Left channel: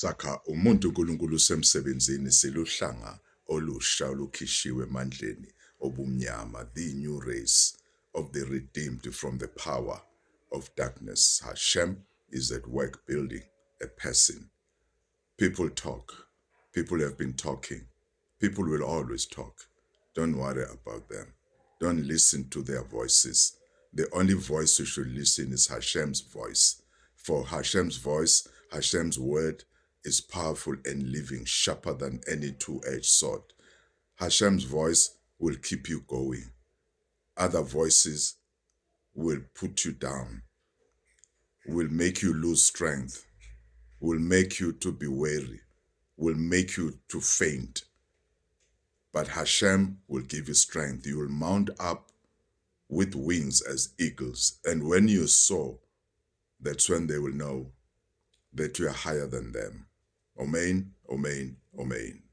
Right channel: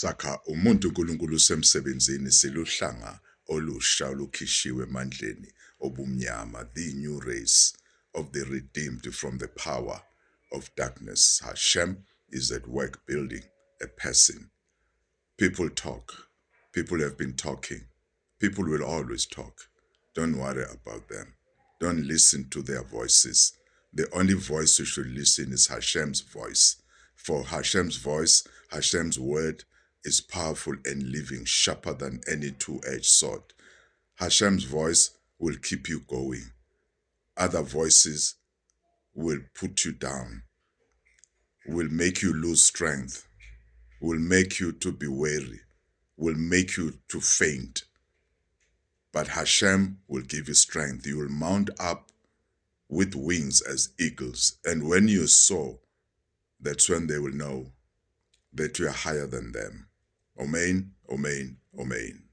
Sakha umuntu uNkulunkulu usemsebenzini siluhlanga olusha olukhishiwe emandleni obumnyama, the new race of the redeemed from the power of darkness. Hashem is at work building a person. People talk. People have been talking. People will always talk. Don't worry about them. Don't listen to their voices. The only voice you should listen is Hashem's voice. For Hashem's voice, Hashem's word is powerful and living, sharper than any two-edged sword. Hashem's voice will keep you going. Other voices will put you down, will make you lose strength, will make you to be weary, will make you to faint. But Hashem will give you strength. You will mount up with wings as eagles. And when you soar, that's when they will know that you are higher than them. Amen, amen, amen.